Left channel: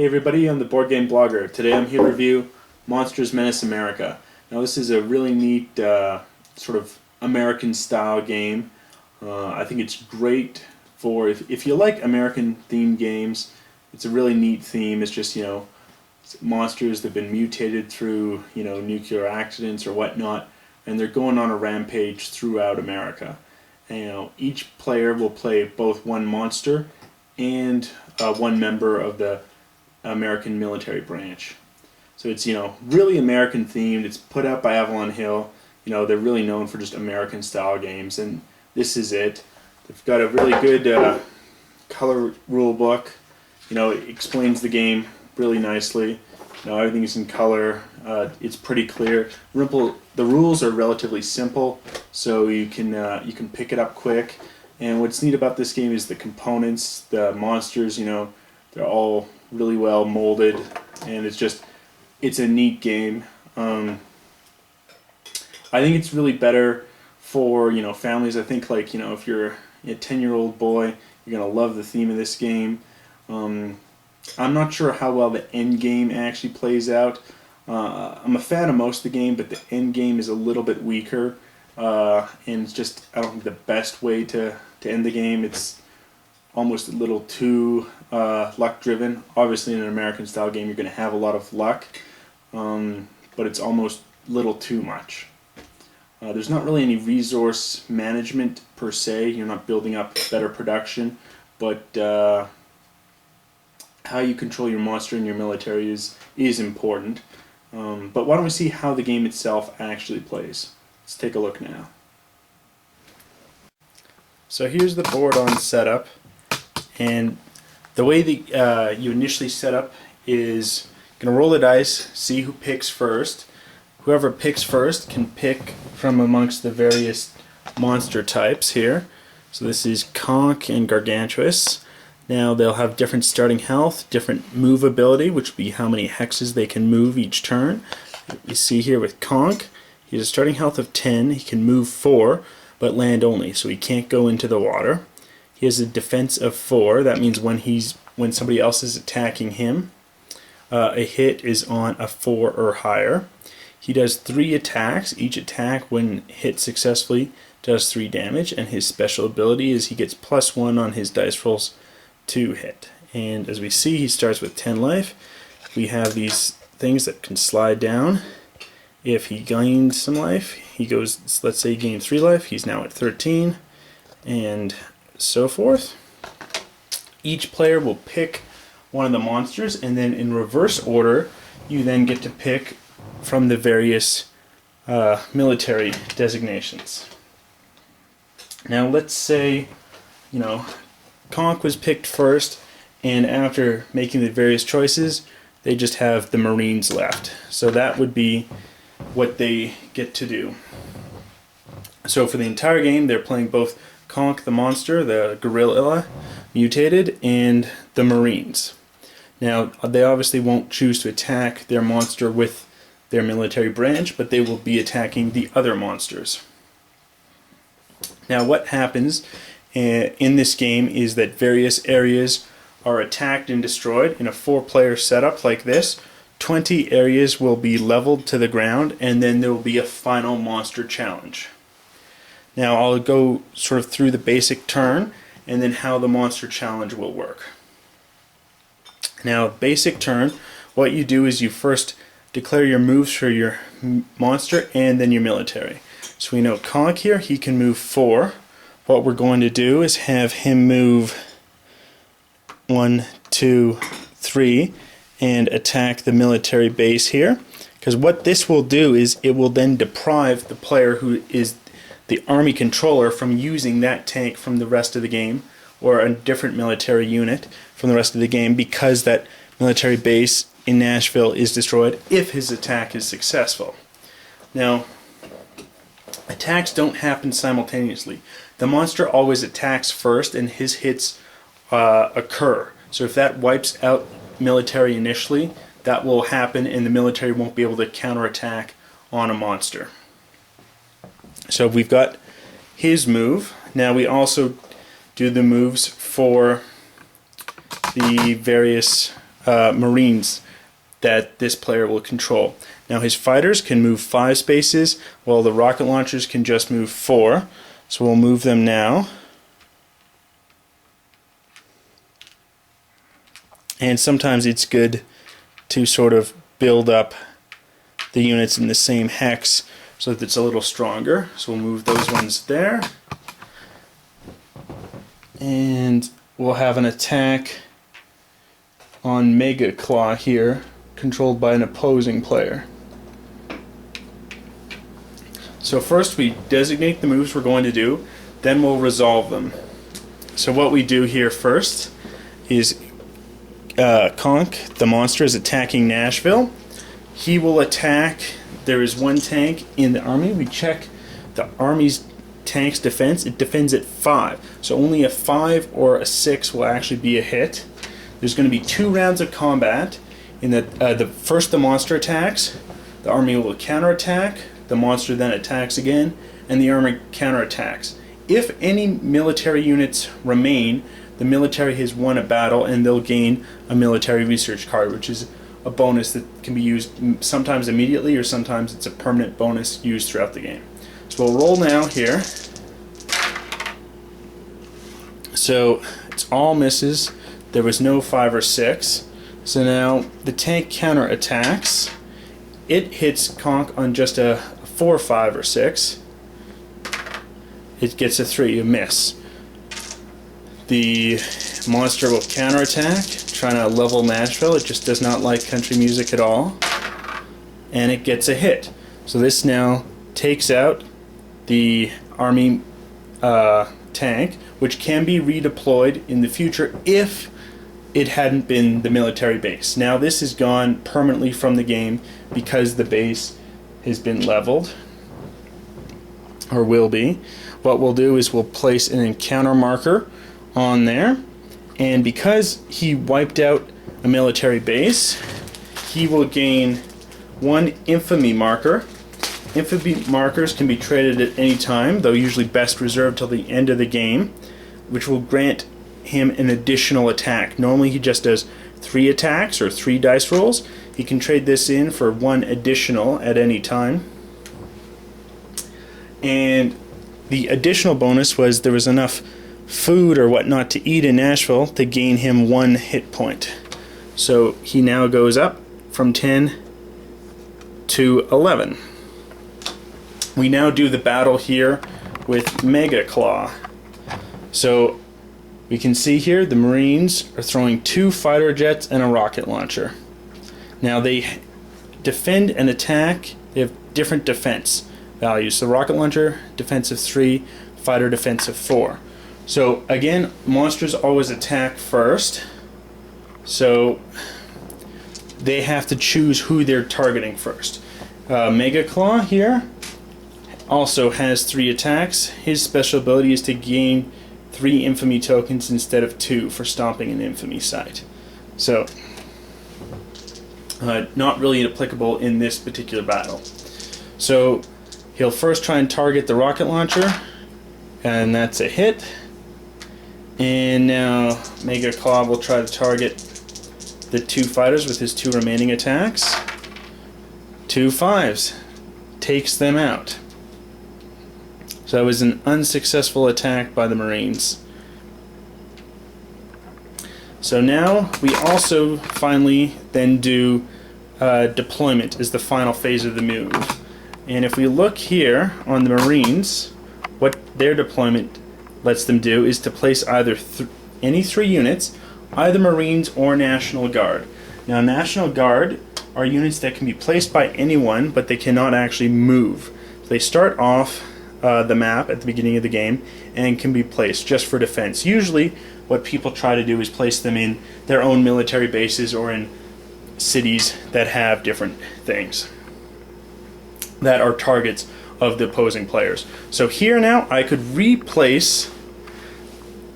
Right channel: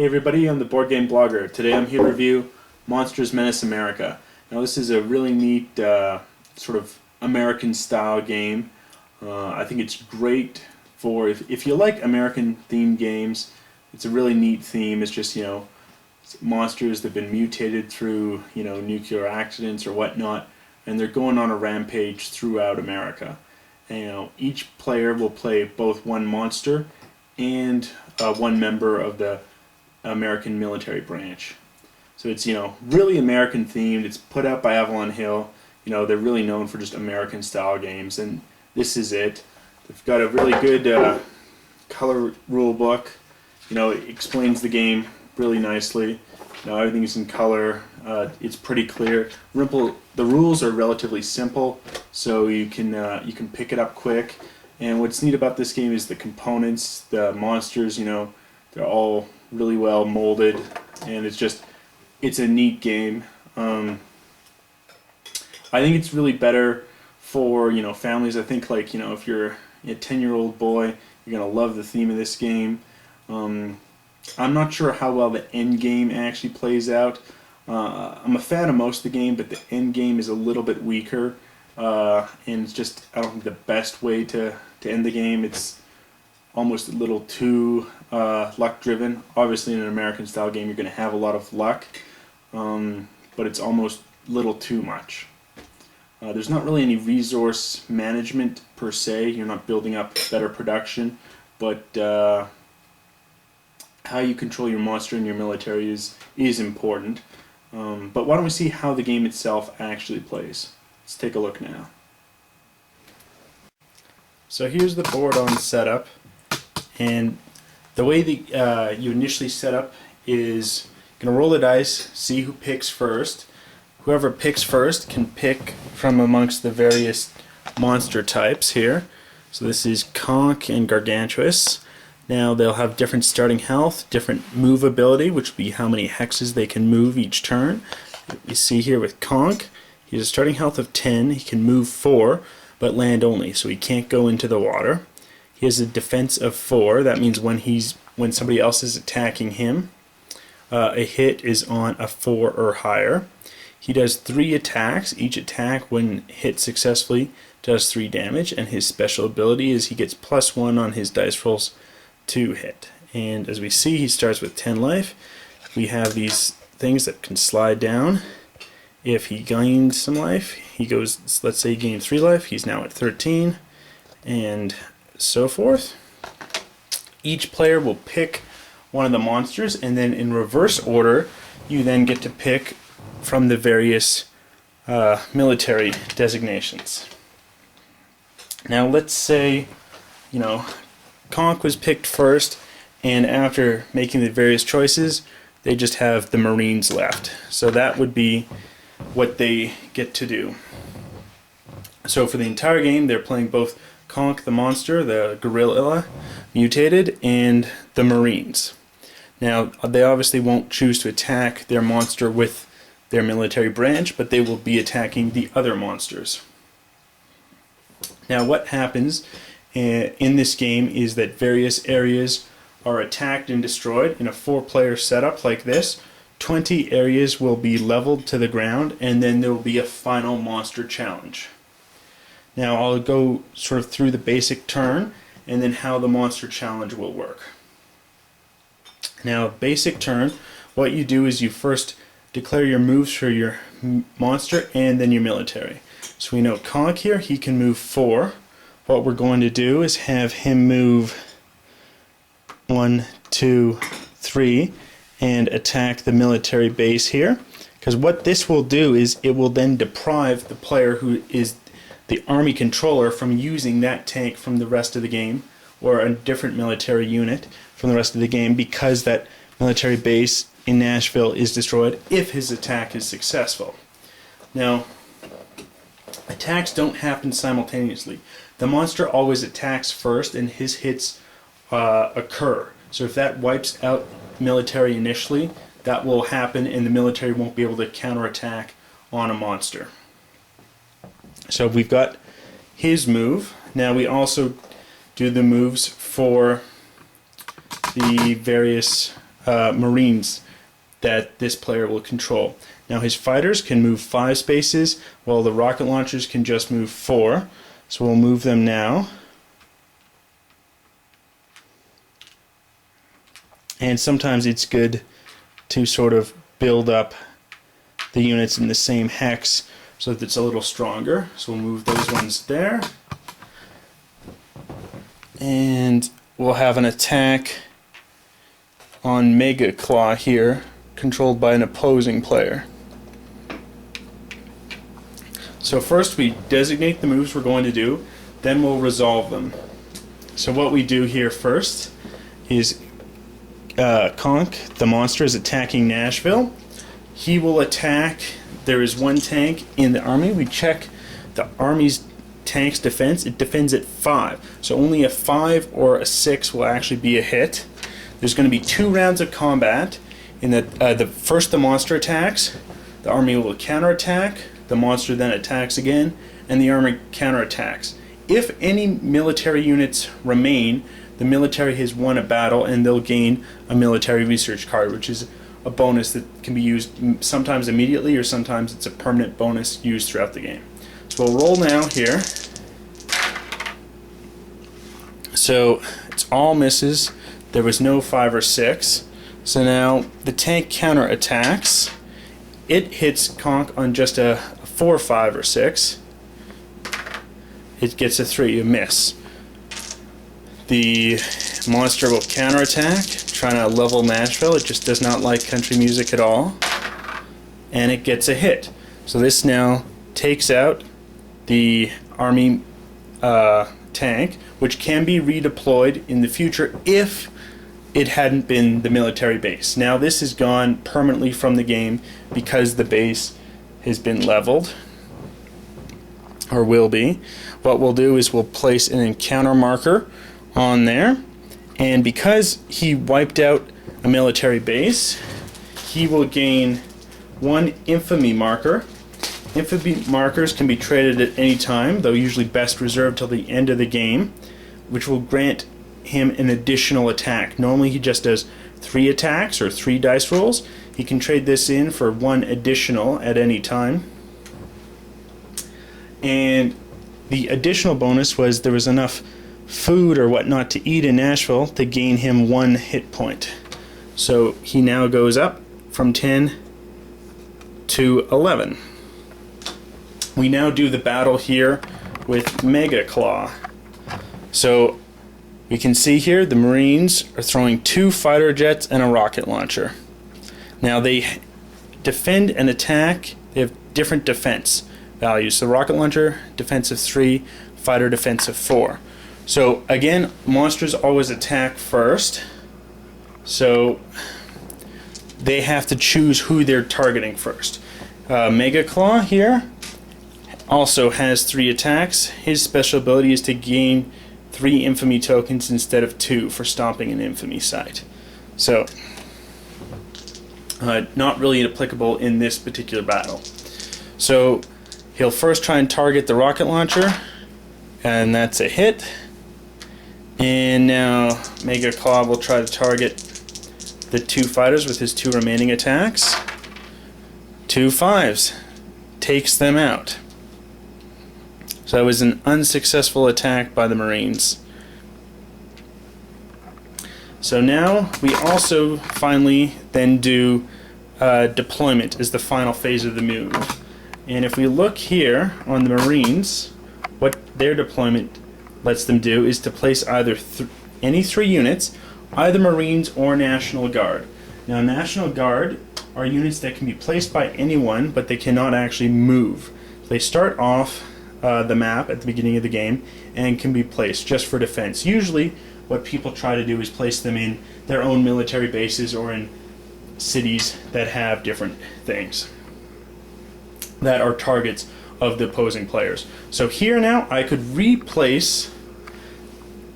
Hey everybody, I'm the Board Game Blogger. Today I'm here to review Monsters Menace America. Now this is a really neat sort of American style game. I think it's great for if you like American themed games. It's a really neat theme. It's just, monsters that have been mutated through, nuclear accidents or whatnot, and they're going on a rampage throughout America. And, each player will play both one monster and one member of the American military branch. So it's, really American themed. It's put out by Avalon Hill. They're really known for just American style games, and this is it. They've got a really good color rule book. It explains the game really nicely. Everything's in color. It's pretty clear. The rules are relatively simple, so you can pick it up quick. And what's neat about this game is the components, the monsters. They're all really well molded, and it's a neat game. I think it's really better for families. I think if you're a 10-year-old boy, you're gonna love the theme of this game. I'm not sure how well the end game actually plays out. I'm a fan of most of the game, but the end game is a little bit weaker, and it's just, I don't think, the best way to end the game. It's almost a little too luck driven. Obviously in an American style game you're going to have a lot of luck, but it's almost a little too much. There's not really any resource management per se. You're not building up better production, but how you control your monster and your military is important. But why don't we see how the game itself actually plays? Let's take a look now. So here's the board on setup, and the way that you initially set up is you're going to roll the dice, see who picks first. Whoever picks first can pick from amongst the various monster types here. So this is Conch and Gargantuous. Now they'll have different starting health, different move ability, which will be how many hexes they can move each turn. We see here with Conch, he has a starting health of 10, he can move 4, but land only, so he can't go into the water. He has a defense of 4, that means when somebody else is attacking him, a hit is on a 4 or higher. He does 3 attacks. Each attack, when hit successfully, does 3 damage, and his special ability is he gets +1 on his dice rolls to hit. And as we see, he starts with 10 life. We have these things that can slide down. If he gains some life, he goes, let's say he gained 3 life, he's now at 13, and so forth. Each player will pick one of the monsters, and then in reverse order, you then get to pick from the various military designations. Now let's say, Conch was picked first, and after making the various choices, they just have the Marines left. So that would be what they get to do. So for the entire game, they're playing both Conch the monster, the gorilla mutated, and the Marines. Now, they obviously won't choose to attack their monster with their military branch, but they will be attacking the other monsters. Now, what happens in this game is that various areas are attacked and destroyed in a 4-player setup like this. 20 areas will be leveled to the ground, and then there will be a final monster challenge. Now I'll go sort of through the basic turn and then how the monster challenge will work. Now, basic turn, what you do is you first declare your moves for your monster and then your military. So we know Conch here, he can move 4. What we're going to do is have him move 1, 2, 3 and attack the military base here, because what this will do is it will then deprive the player who is the army controller from using that tank from the rest of the game, or a different military unit from the rest of the game, because that military base in Nashville is destroyed if his attack is successful. Now, attacks don't happen simultaneously. The monster always attacks first and his hits occur. So if that wipes out military initially, that will happen and the military won't be able to counterattack on a monster. So we've got his move. Now we also do the moves for the various Marines that this player will control. Now his fighters can move 5 spaces, while the rocket launchers can just move 4. So we'll move them now. And sometimes it's good to sort of build up the units in the same hex so that it's a little stronger. So we'll move those ones there. And we'll have an attack on Mega Claw here, controlled by an opposing player. So first we designate the moves we're going to do, then we'll resolve them. So what we do here first is Conk, the monster, is attacking Nashville. He will attack. There is one tank in the army. We check the army's tank's defense. It defends at 5. So only a 5 or a 6 will actually be a hit. There's going to be 2 rounds of combat. In the first the monster attacks, the army will counterattack, the monster then attacks again, and the army counterattacks. If any military units remain, the military has won a battle and they'll gain a military research card, which is a bonus that can be used sometimes immediately or sometimes it's a permanent bonus used throughout the game. So we'll roll now here. So it's all misses. There was no 5 or 6. So now the tank counter attacks. It hits Conk on just a 4, 5, or 6. It gets a 3, a miss. The monster will counterattack, trying to level Nashville. It just does not like country music at all. And it gets a hit. So this now takes out the army tank, which can be redeployed in the future if it hadn't been the military base. Now this is gone permanently from the game because the base has been leveled, or will be. What we'll do is we'll place an encounter marker on there, and because he wiped out a military base, he will gain 1 infamy marker. Infamy markers can be traded at any time, though usually best reserved till the end of the game, which will grant him an additional attack. Normally he just does 3 attacks or 3 dice rolls. He can trade this in for 1 additional at any time. And the additional bonus was there was enough food or whatnot to eat in Nashville to gain him 1 hit point. So he now goes up from 10 to 11. We now do the battle here with Mega Claw. So we can see here the Marines are throwing 2 fighter jets and a rocket launcher. Now they defend and attack. They have different defense values. So rocket launcher, defense of 3, fighter defense of 4. So again, monsters always attack first. So they have to choose who they're targeting first. Mega Claw here also has 3 attacks. His special ability is to gain 3 infamy tokens instead of 2 for stomping an infamy site. So not really applicable in this particular battle. So he'll first try and target the rocket launcher, and that's a hit. And now Mega Claw will try to target the 2 fighters with his 2 remaining attacks. 2 5s. Takes them out. So that was an unsuccessful attack by the Marines. So now we also finally then do deployment as the final phase of the move. And if we look here on the Marines, what their deployment lets them do is to place either any 3 units, either Marines or National Guard. Now National Guard are units that can be placed by anyone, but they cannot actually move. They start off the map at the beginning of the game and can be placed just for defense. Usually what people try to do is place them in their own military bases or in cities that have different things that are targets of the opposing players. So here now I could replace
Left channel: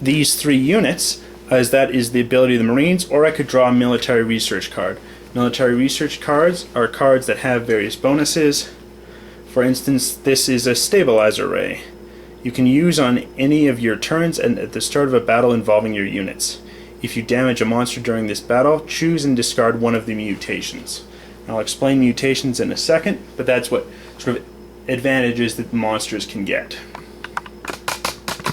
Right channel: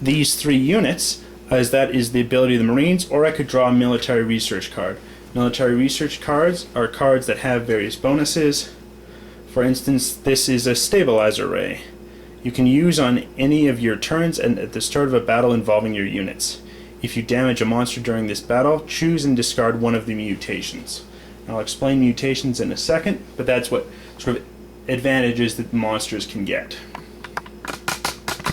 these 3 units, as that is the ability of the Marines, or I could draw a military research card. Military research cards are cards that have various bonuses. For instance, this is a stabilizer ray. You can use on any of your turns and at the start of a battle involving your units. If you damage a monster during this battle, choose and discard one of the mutations. I'll explain mutations in a second, but that's what sort of advantages that monsters can get.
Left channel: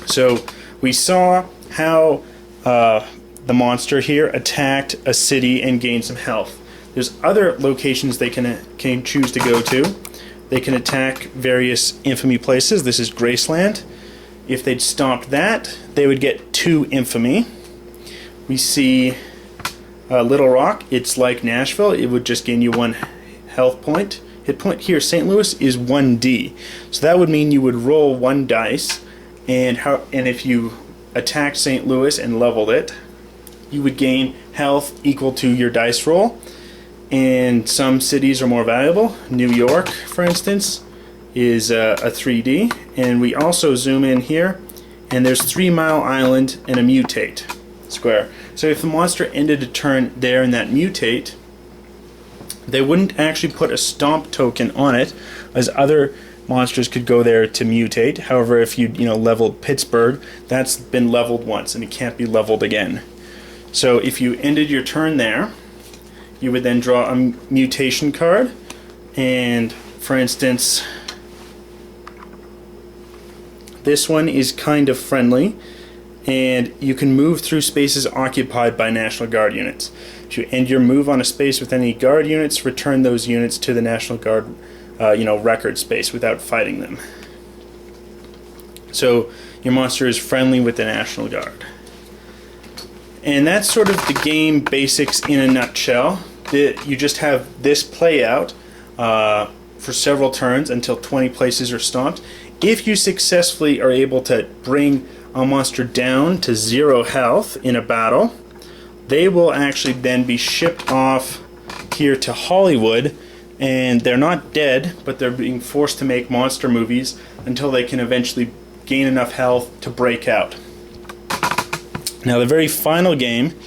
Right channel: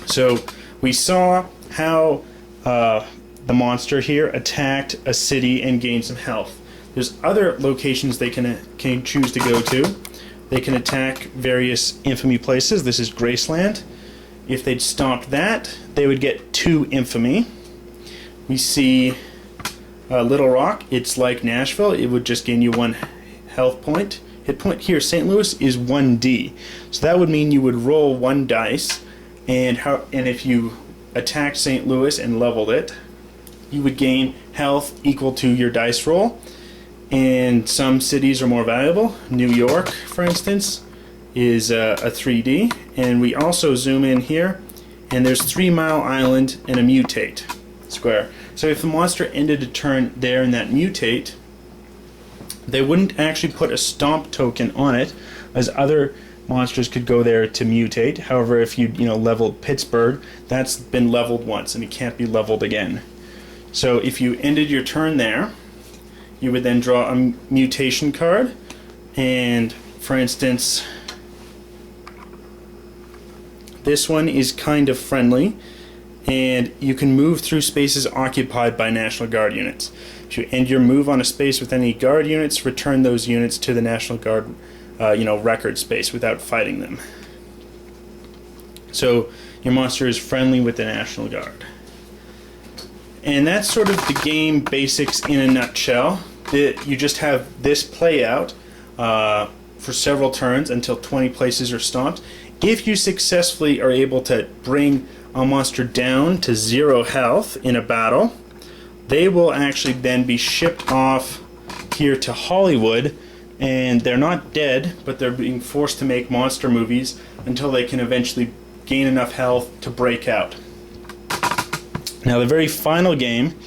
So we saw how the monster here attacked a city and gained some health. There's other locations they can choose to go to. They can attack various infamy places. This is Graceland. If they'd stopped that, they would get 2 infamy. We see Little Rock. It's like Nashville. It would just gain you 1 health point. Hit point here. St. Louis is 1D. So that would mean you would roll 1 dice, and if you attacked St. Louis and leveled it, you would gain health equal to your dice roll. And some cities are more valuable. New York, for instance, is a 3D. And we also zoom in here, and there's 3 Mile Island and a mutate square. So if the monster ended a turn there in that mutate, they wouldn't actually put a stomp token on it, as other monsters could go there to mutate. However, if you leveled Pittsburgh, that's been leveled once and it can't be leveled again. So if you ended your turn there, you would then draw a mutation card, and for instance, this one is kind of friendly, and you can move through spaces occupied by National Guard units. If you end your move on a space with any Guard units, return those units to the National Guard record space without fighting them. So your monster is friendly with the National Guard. And that's sort of the game basics in a nutshell. You just have this play out for several turns until 20 places are stomped. If you successfully are able to bring a monster down to 0 health in a battle, they will actually then be shipped off here to Hollywood, and they're not dead, but they're being forced to make monster movies until they can eventually gain enough health to break out. Now the very final game,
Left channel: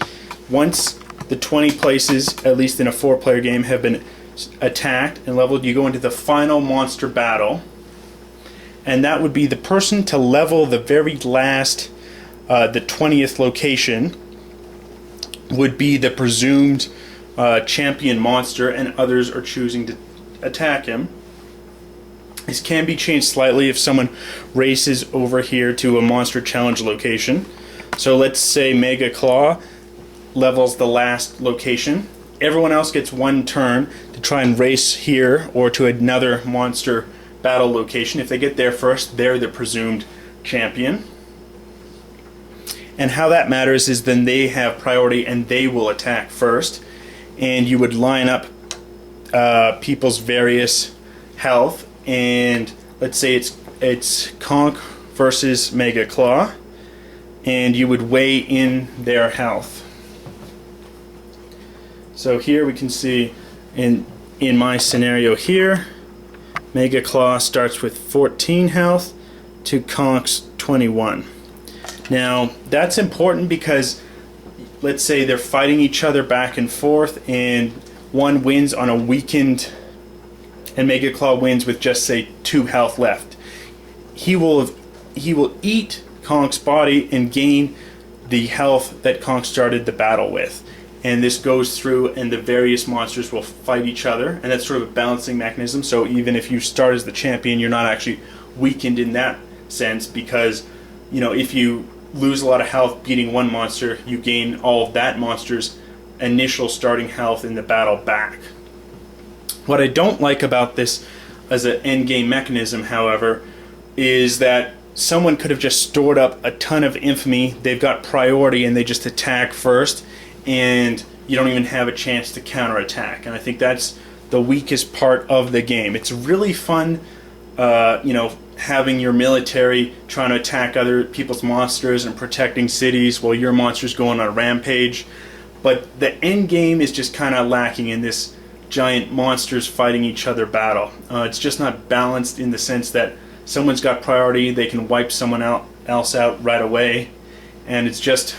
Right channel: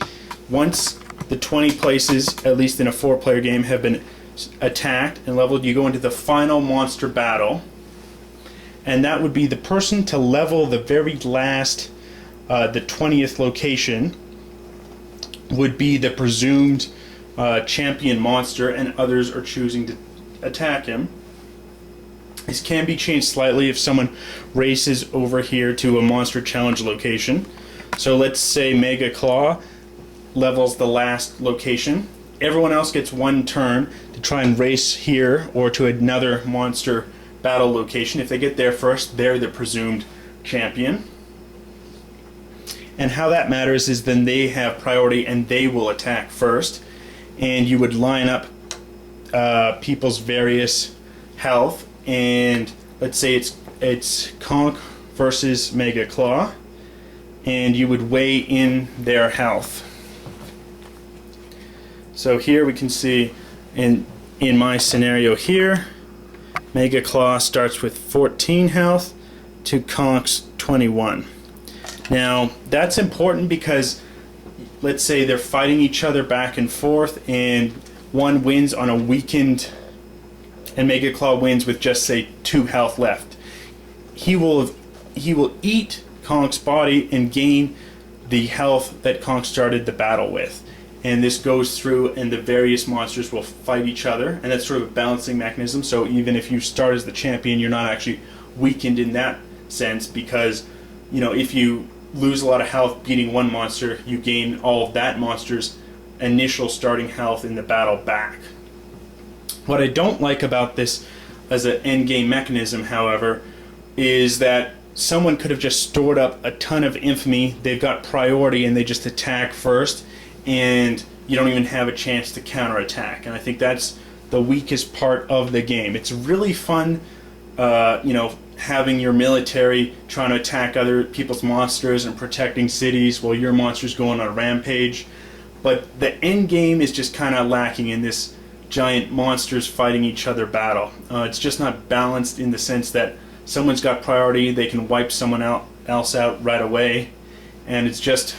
once the 20 places, at least in a 4-player game, have been attacked and leveled, you go into the final monster battle, and that would be the person to level the very last, the 20th location would be the presumed champion monster, and others are choosing to attack him. This can be changed slightly if someone races over here to a monster challenge location. So let's say Mega Claw levels the last location. Everyone else gets 1 turn to try and race here or to another monster battle location. If they get there first, they're the presumed champion. And how that matters is then they have priority and they will attack first. And you would line up people's various health, and let's say it's Conk versus Mega Claw, and you would weigh in their health. So here we can see in my scenario here, Mega Claw starts with 14 health to Conk's 21. Now that's important because let's say they're fighting each other back and forth, and one wins on a weakened, and Mega Claw wins with just say 2 health left. He will eat Conk's body and gain the health that Conk started the battle with. And this goes through, and the various monsters will fight each other, and that's sort of a balancing mechanism. So even if you start as the champion, you're not actually weakened in that sense, because if you lose a lot of health beating one monster, you gain all of that monster's initial starting health in the battle back. What I don't like about this as an endgame mechanism, however, is that someone could have just stored up a ton of infamy, they've got priority, and they just attack first, and you don't even have a chance to counterattack. And I think that's the weakest part of the game. It's really fun, having your military trying to attack other people's monsters and protecting cities while your monster's going on a rampage. But the end game is just kind of lacking in this giant monsters fighting each other battle. It's just not balanced in the sense that someone's got priority, they can wipe someone else out right away, and it's just,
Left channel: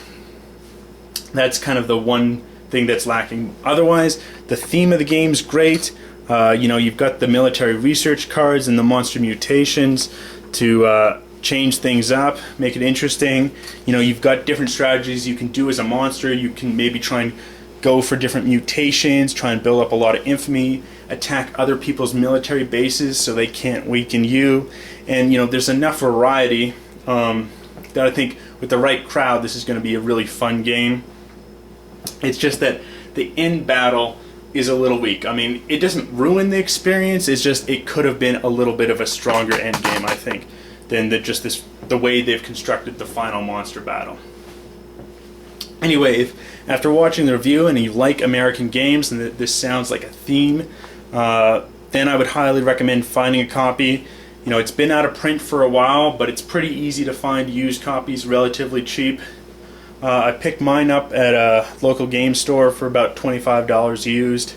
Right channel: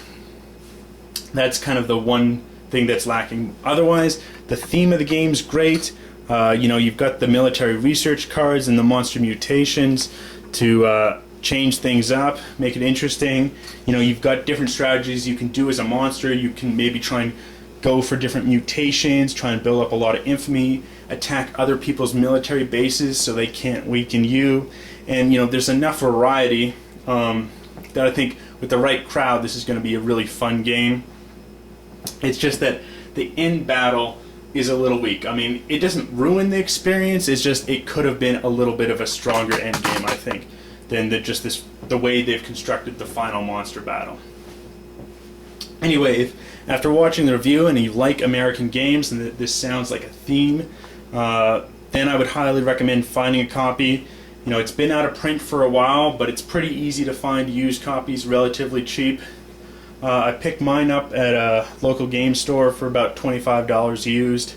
that's kind of the one thing that's lacking. Otherwise, the theme of the game's great. You've got the military research cards and the monster mutations to change things up, make it interesting. You know, you've got different strategies you can do as a monster. You can maybe try and go for different mutations, try and build up a lot of infamy, attack other people's military bases so they can't weaken you. And you know, there's enough variety that I think with the right crowd, this is going to be a really fun game. It's just that the end battle is a little weak. I mean, it doesn't ruin the experience. It's just it could have been a little bit of a stronger end game, I think, than the way they've constructed the final monster battle. Anyway, if after watching the review and you like American games and this sounds like a theme, then I would highly recommend finding a copy. You know, it's been out of print for a while, but it's pretty easy to find used copies relatively cheap. I picked mine up at a local game store for about $25 used,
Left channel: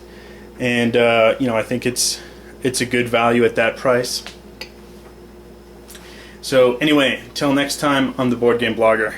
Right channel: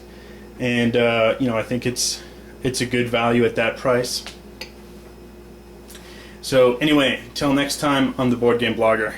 and you know, I think it's a good value at that price. So anyway, until next time, I'm the Board Game Blogger.